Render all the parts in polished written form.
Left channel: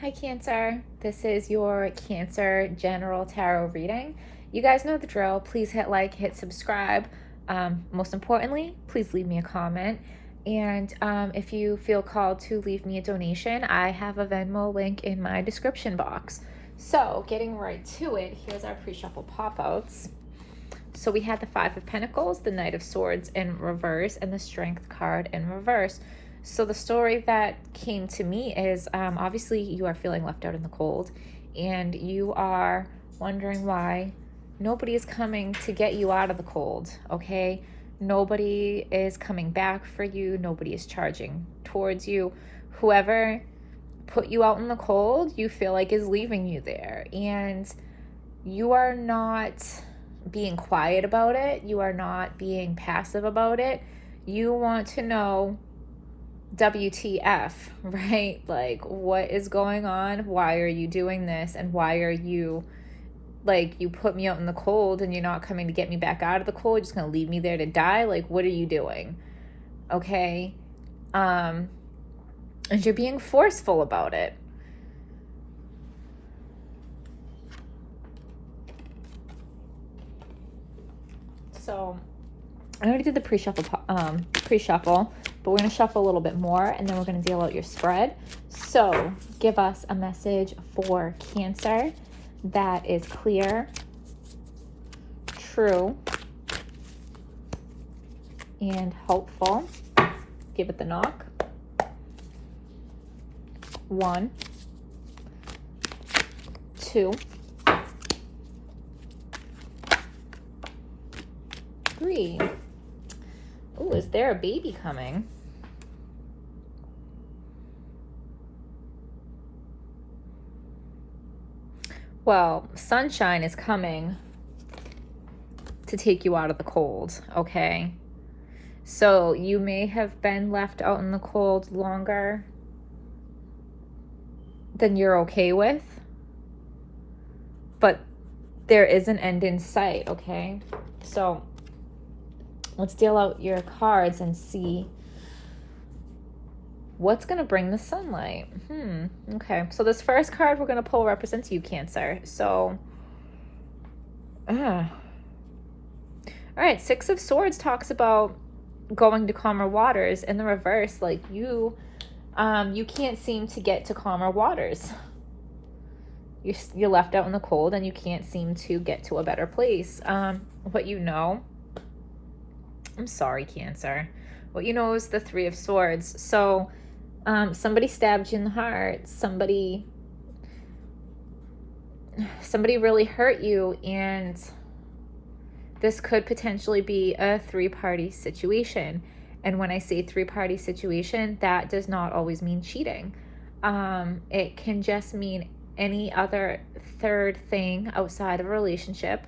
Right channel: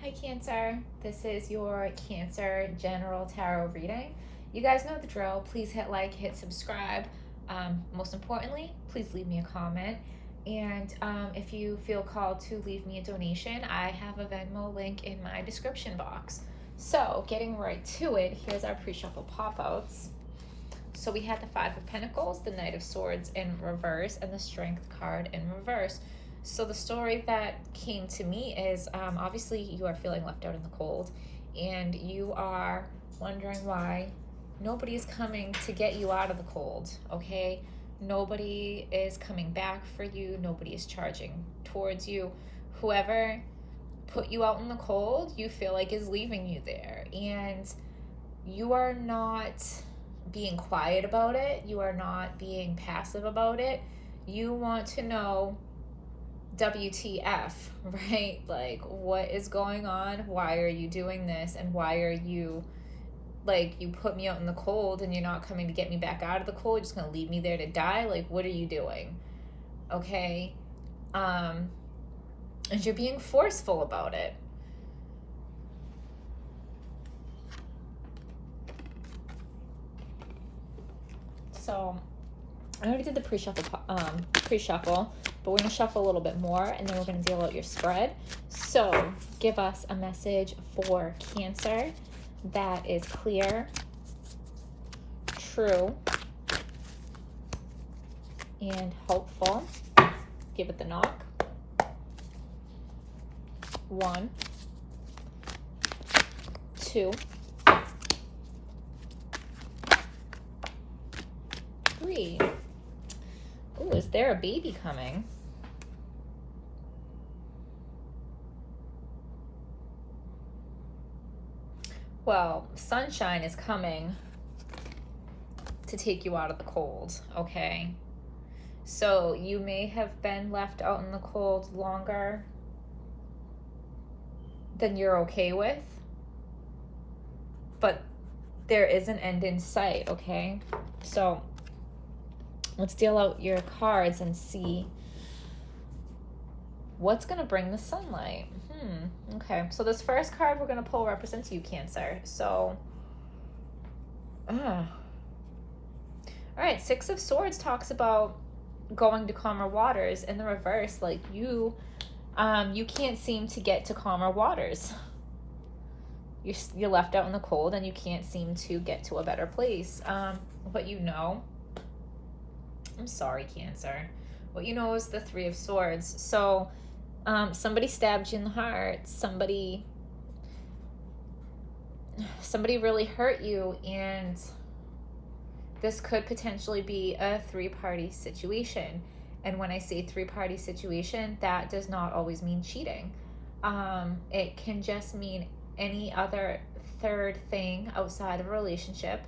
Hi Cancer, this is your Cancer General Tarot reading. You guys know the drill. Please hit like, hit subscribe. Most importantly, please leave me a comment. And if you feel called to leave me a donation, I have a Venmo link in my description box. So getting right to it, here's our pre-shuffle pop-outs. So we had the Five of Pentacles, the Knight of Swords in reverse, and the Strength card in reverse. So the story that came to me is obviously you are feeling left out in the cold, and you are wondering why nobody is coming to get you out of the cold, okay? Nobody is coming back for you. Nobody is charging towards you. Whoever put you out in the cold, you feel like is leaving you there. And you are not being quiet about it. You are not being passive about it. You want to know WTF, right? Like, what is going on? Why are you doing this? And why are you, like, you put me out in the cold and you're not coming to get me back out of the cold. You're just going to leave me there to die. Like, what are you doing? Okay. And you're being forceful about it. So I already did the pre-shuffle, but we're going to shuffle a little bit more, and then we're going to deal out your spread. So give us a message for Cancer that is clear, true, and hopeful. Give it the knock. 1, 2, 3. Ooh, is there a baby coming? Well, sunshine is coming to take you out of the cold, okay? So you may have been left out in the cold longer than you're okay with, but there is an end in sight, okay? So let's deal out your cards and see what's going to bring the sunlight. Okay, so this first card we're going to pull represents you, Cancer. So, all right, Six of Swords talks about going to calmer waters. In the reverse, like you can't seem to get to calmer waters. You're left out in the cold and you can't seem to get to a better place. What you know, I'm sorry, Cancer. What you know is the Three of Swords. So somebody stabbed you in the heart. Somebody really hurt you, and this could potentially be a three-party situation. And when I say three-party situation, that does not always mean cheating. It can just mean any other third thing outside of a relationship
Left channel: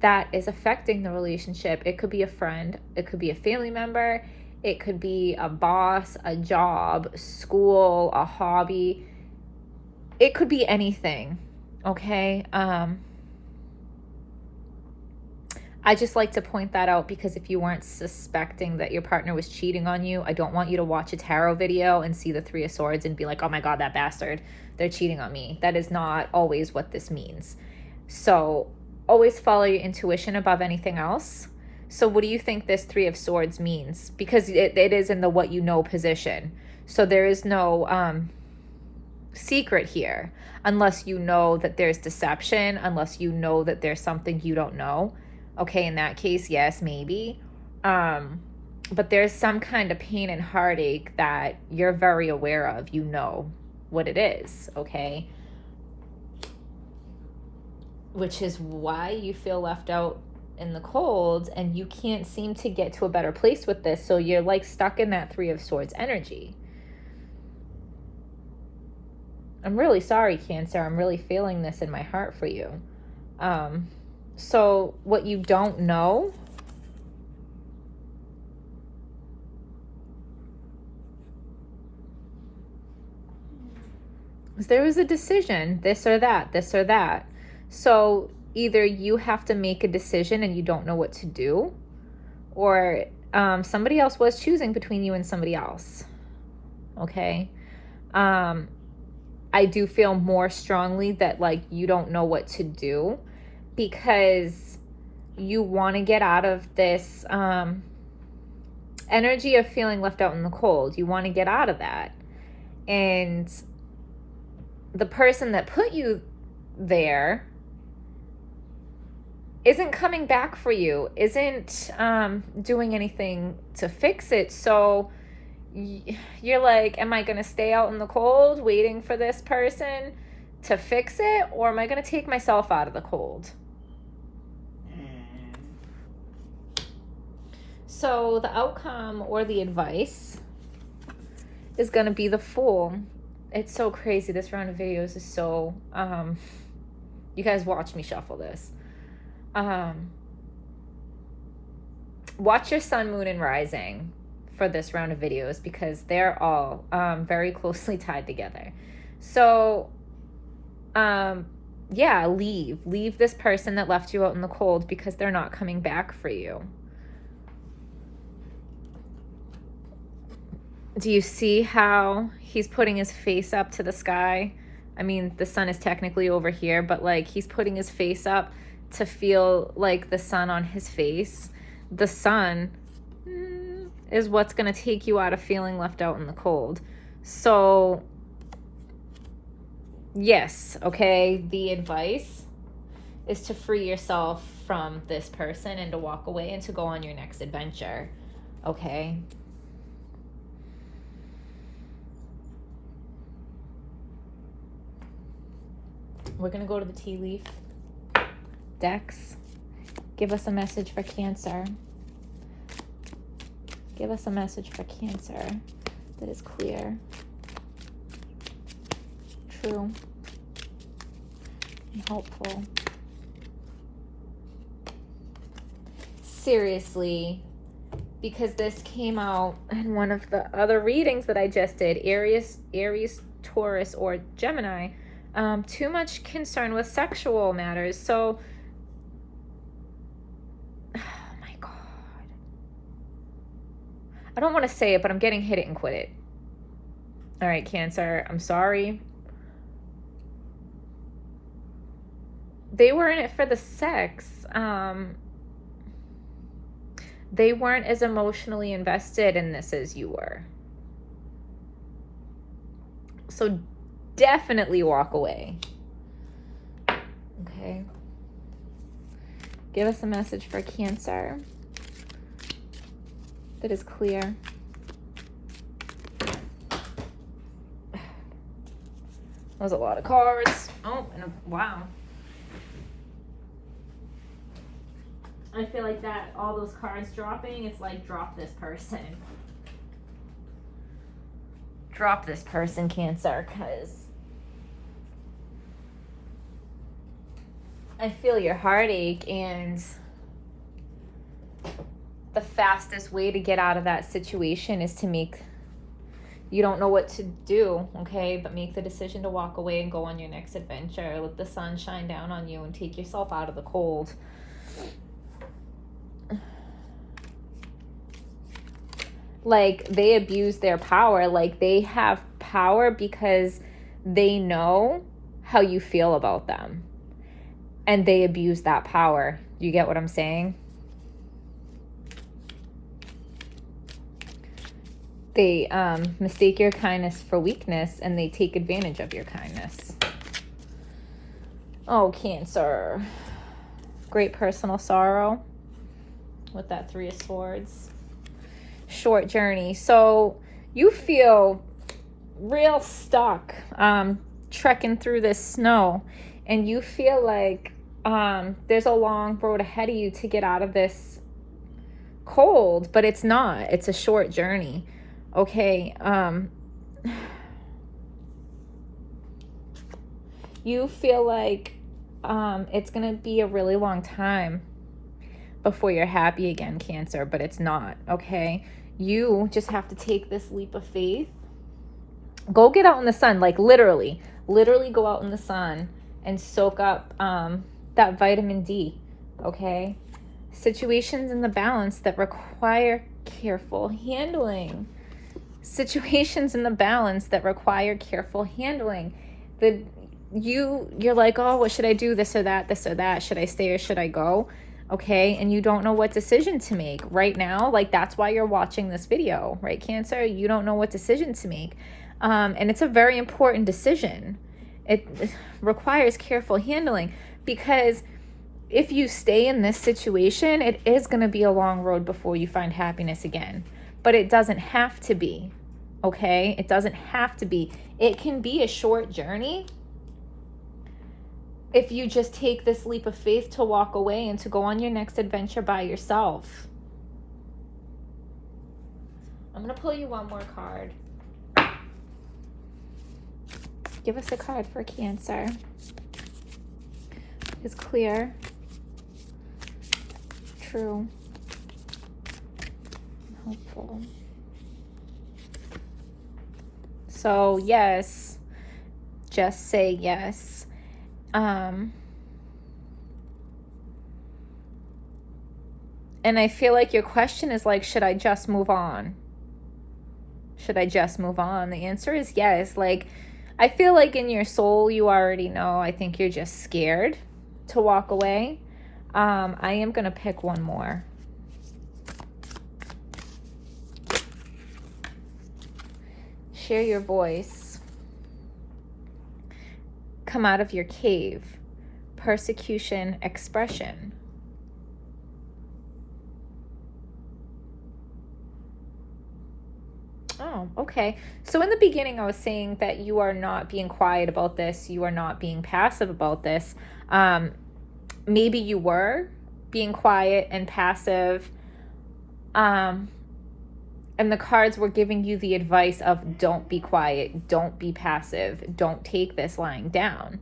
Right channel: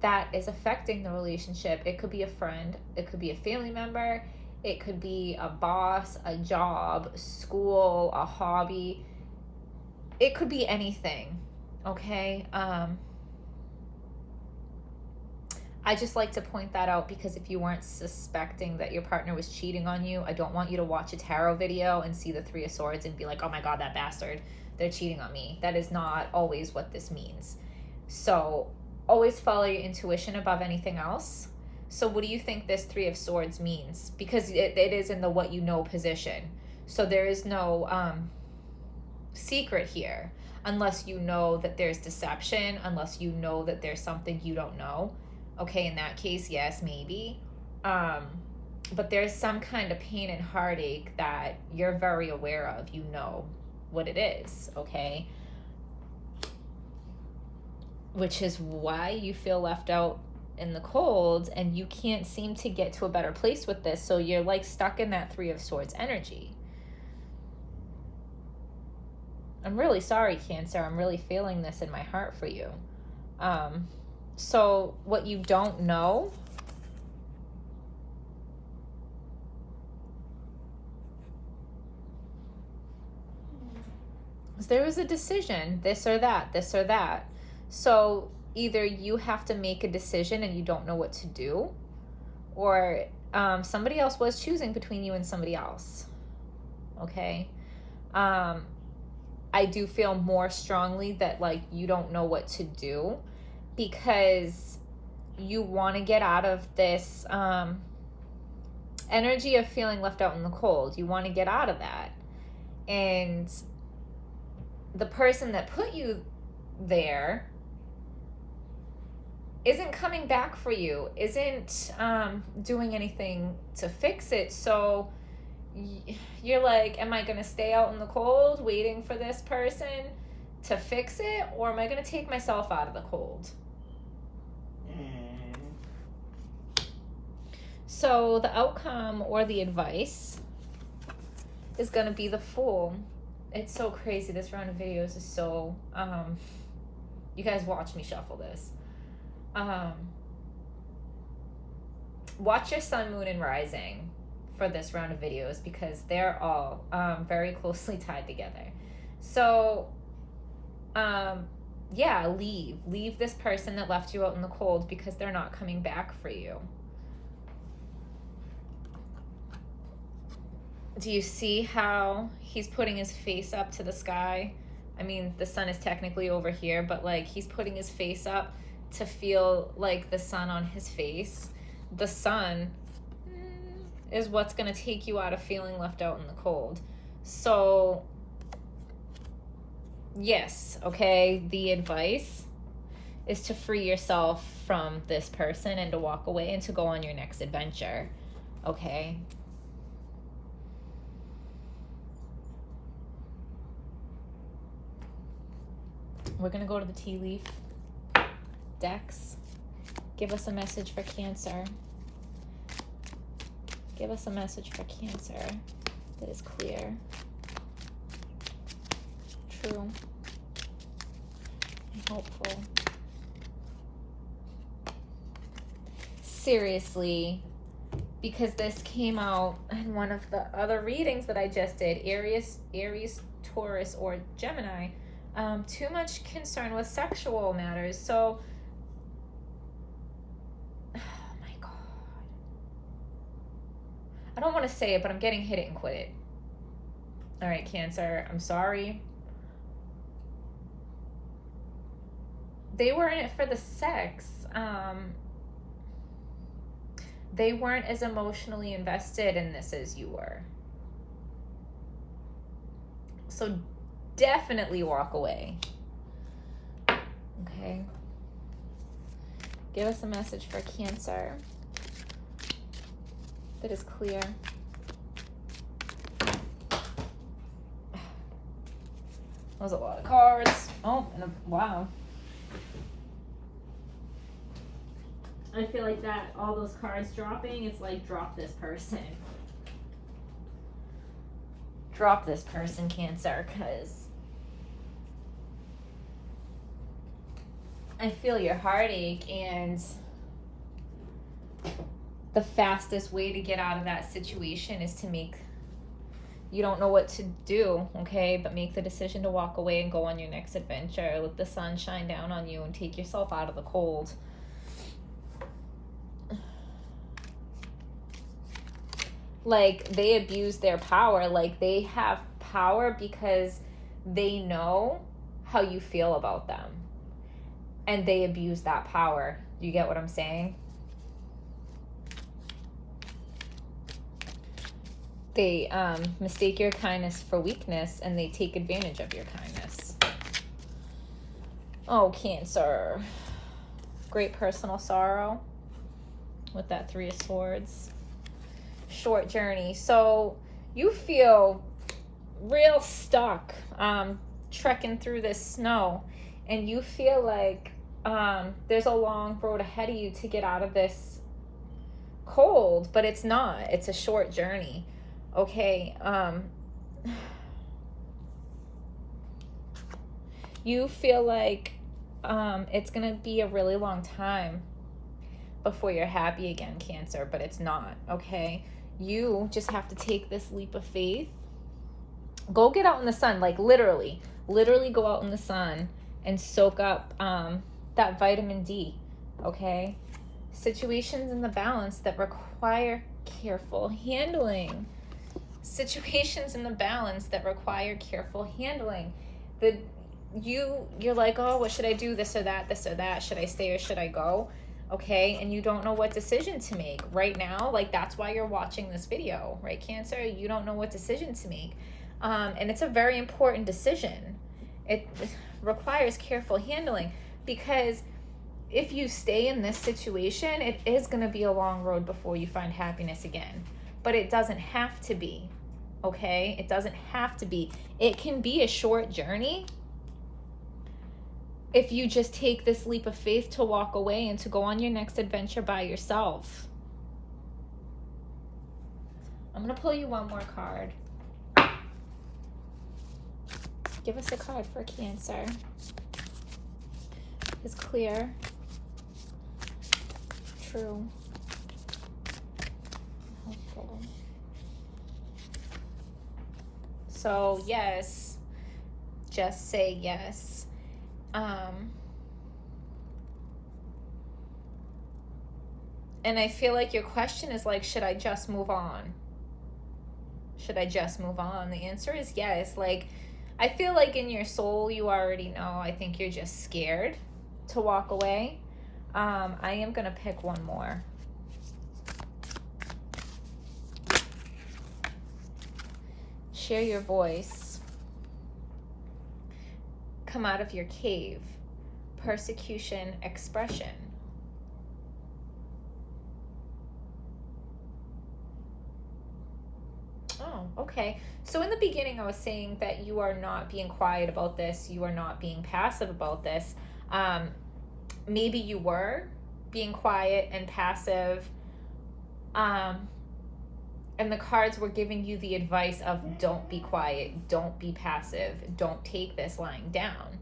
that is affecting the relationship. It could be a friend, it could be a family member, it could be a boss, a job, school, a hobby. It could be anything, okay? I just like to point that out because if you weren't suspecting that your partner was cheating on you, I don't want you to watch a tarot video and see the Three of Swords and be like, oh my God, that bastard, they're cheating on me. That is not always what this means. So always follow your intuition above anything else. So what do you think this Three of Swords means? Because it is in the what you know position. So there is no secret here, unless you know that there's deception, unless you know that there's something you don't know. Okay, in that case, yes, maybe. But there's some kind of pain and heartache that you're very aware of. You know what it is, okay? Which is why you feel left out in the cold and you can't seem to get to a better place with this. So you're like stuck in that Three of Swords energy. I'm really sorry, Cancer. I'm really feeling this in my heart for you. So what you don't know is there was a decision, this or that, this or that. So either you have to make a decision and you don't know what to do, or somebody else was choosing between you and somebody else. Okay. I do feel more strongly that like you don't know what to do, because you want to get out of this energy of feeling left out in the cold. You want to get out of that. And the person that put you there isn't coming back for you, isn't doing anything to fix it. So you're like, am I going to stay out in the cold waiting for this person to fix it, or am I going to take myself out of the cold? So the outcome or the advice is going to be the Fool. It's so crazy. This round of videos is so, you guys watch me shuffle this. Watch your sun, moon, and rising for this round of videos, because they're all very closely tied together. So, yeah, leave this person that left you out in the cold, because they're not coming back for you. Do you see how he's putting his face up to the sky? I mean, the sun is technically over here, but like he's putting his face up to feel like the sun on his face. The sun is what's going to take you out of feeling left out in the cold. So, yes, okay, the advice is to free yourself from this person and to walk away and to go on your next adventure, okay? We're going to go to the tea leaf decks. Give us a message for Cancer. Give us a message for Cancer that is clear, true, and helpful. Seriously, because this came out in one of the other readings that I just did, Aries, Taurus, or Gemini. Too much concern with sexual matters. So, oh my God. I don't want to say it, but I'm getting hit it and quit it. All right, Cancer, I'm sorry. They were in it for the sex. They weren't as emotionally invested in this as you were. So definitely walk away. Okay. Give us a message for Cancer that is clear. That was a lot of cards. Oh, and wow. I feel like that, all those cards dropping, it's like, drop this person. Drop this person, Cancer, because I feel your heartache, and the fastest way to get out of that situation is to you don't know what to do, okay? But make the decision to walk away and go on your next adventure. Let the sun shine down on you and take yourself out of the cold. Like, they abuse their power. Like, they have power because they know how you feel about them. And they abuse that power. Do you get what I'm saying? They mistake your kindness for weakness, and they take advantage of your kindness. Oh, Cancer. Great personal sorrow with that 3 of Swords. Short journey. So you feel real stuck trekking through this snow, and you feel like there's a long road ahead of you to get out of this cold, but it's not. It's a short journey. Okay. You feel like it's gonna be a really long time before you're happy again, Cancer, but it's not. Okay. You just have to take this leap of faith. Go get out in the sun, like literally go out in the sun and soak up that vitamin D, okay? Situations in the balance that require careful handling. Situations in the balance that require careful handling. The you're like, oh, what should I do? This or that, this or that. Should I stay or should I go? Okay, and you don't know what decision to make right now. Like, that's why you're watching this video, right, Cancer? You don't know what decision to make. And it's a very important decision. It requires careful handling, because if you stay in this situation, it is going to be a long road before you find happiness again. But it doesn't have to be, okay? It doesn't have to be. It can be a short journey if you just take this leap of faith to walk away and to go on your next adventure by yourself. I'm going to pull you one more card. Give us a card for Cancer. It's clear, true, hopeful. So yes, just say yes. And I feel like your question is like, should I just move on? Should I just move on? The answer is yes. Like, I feel like in your soul, you already know. I think you're just scared to walk away. I am going to pick one more. Share your voice. Come out of your cave. Persecution, expression. Oh, okay. So in the beginning, I was saying that you are not being quiet about this. You are not being passive about this. Maybe you were being quiet and passive. And the cards were giving you the advice of don't be quiet, don't be passive, don't take this lying down.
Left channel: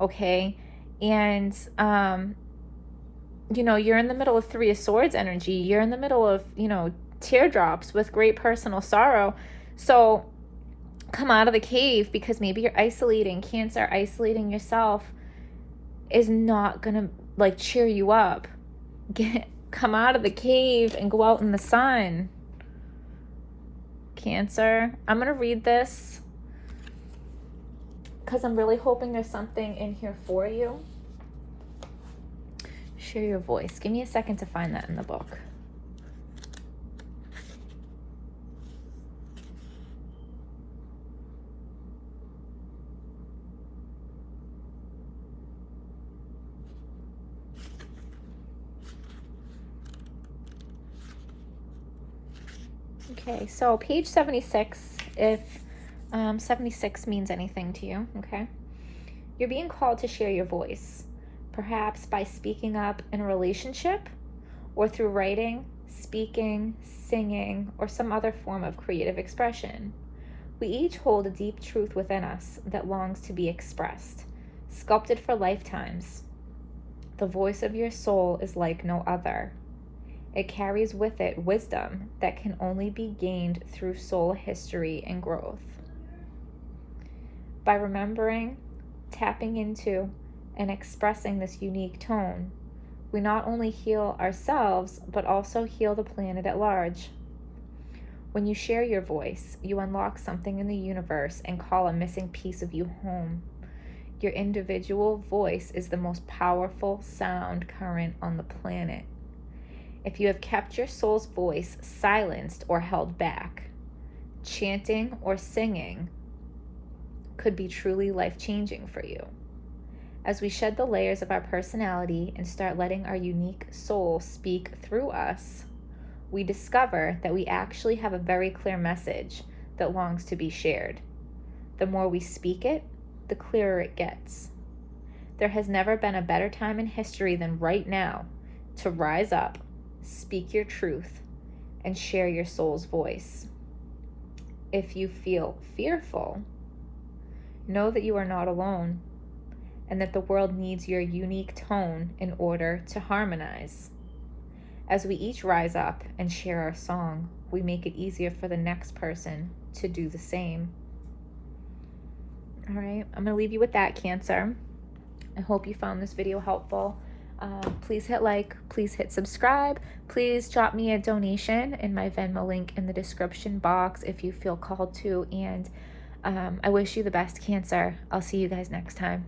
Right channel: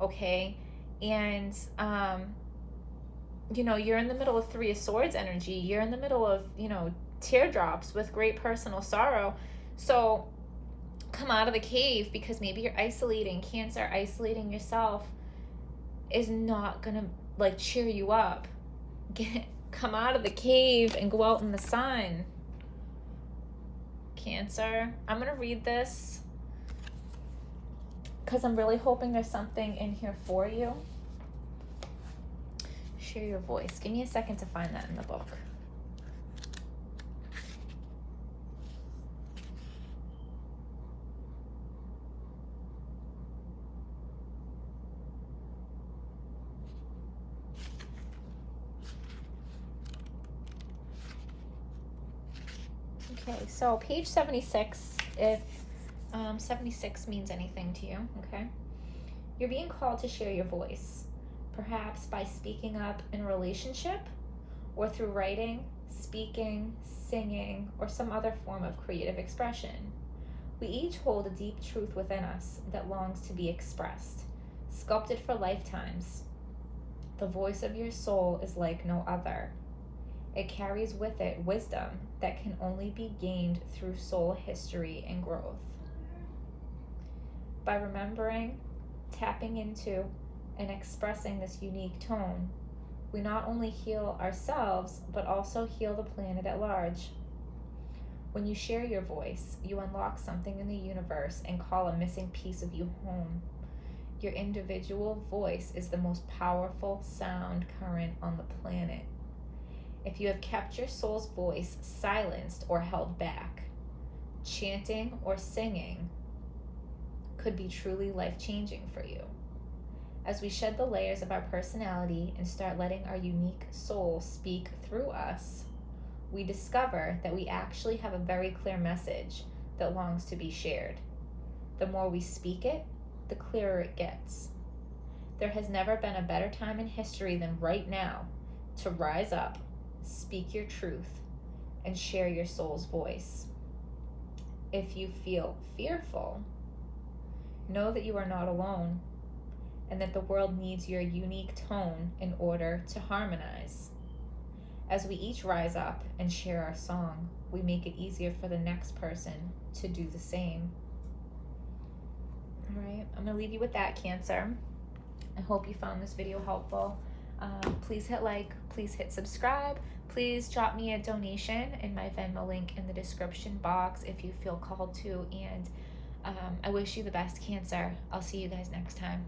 Okay? And, you know, you're in the middle of Three of Swords energy. You're in the middle of, you know, teardrops with great personal sorrow. So come out of the cave, because maybe you're isolating. Cancer, isolating yourself is not gonna like cheer you up. Come out of the cave and go out in the sun. Cancer, I'm gonna read this because I'm really hoping there's something in here for you. Share your voice. Give me a second to find that in the book. Okay, so page 76, if 76 means anything to you, okay? You're being called to share your voice, perhaps by speaking up in a relationship, or through writing, speaking, singing, or some other form of creative expression. We each hold a deep truth within us that longs to be expressed, sculpted for lifetimes. The voice of your soul is like no other. It carries with it wisdom that can only be gained through soul history and growth. By remembering, tapping into, and expressing this unique tone, we not only heal ourselves, but also heal the planet at large. When you share your voice, you unlock something in the universe and call a missing piece of you home. Your individual voice is the most powerful sound current on the planet. If you have kept your soul's voice silenced or held back, chanting or singing could be truly life-changing for you. As we shed the layers of our personality and start letting our unique soul speak through us, we discover that we actually have a very clear message that longs to be shared. The more we speak it, the clearer it gets. There has never been a better time in history than right now to rise up, speak your truth, and share your soul's voice. If you feel fearful, know that you are not alone, and that the world needs your unique tone in order to harmonize. As we each rise up and share our song, we make it easier for the next person to do the same. All right, I'm going to leave you with that, Cancer. I hope you found this video helpful. Please hit like, please hit subscribe, please drop me a donation in my Venmo link in the description box if you feel called to, and I wish you the best, Cancer. I'll see you guys next time.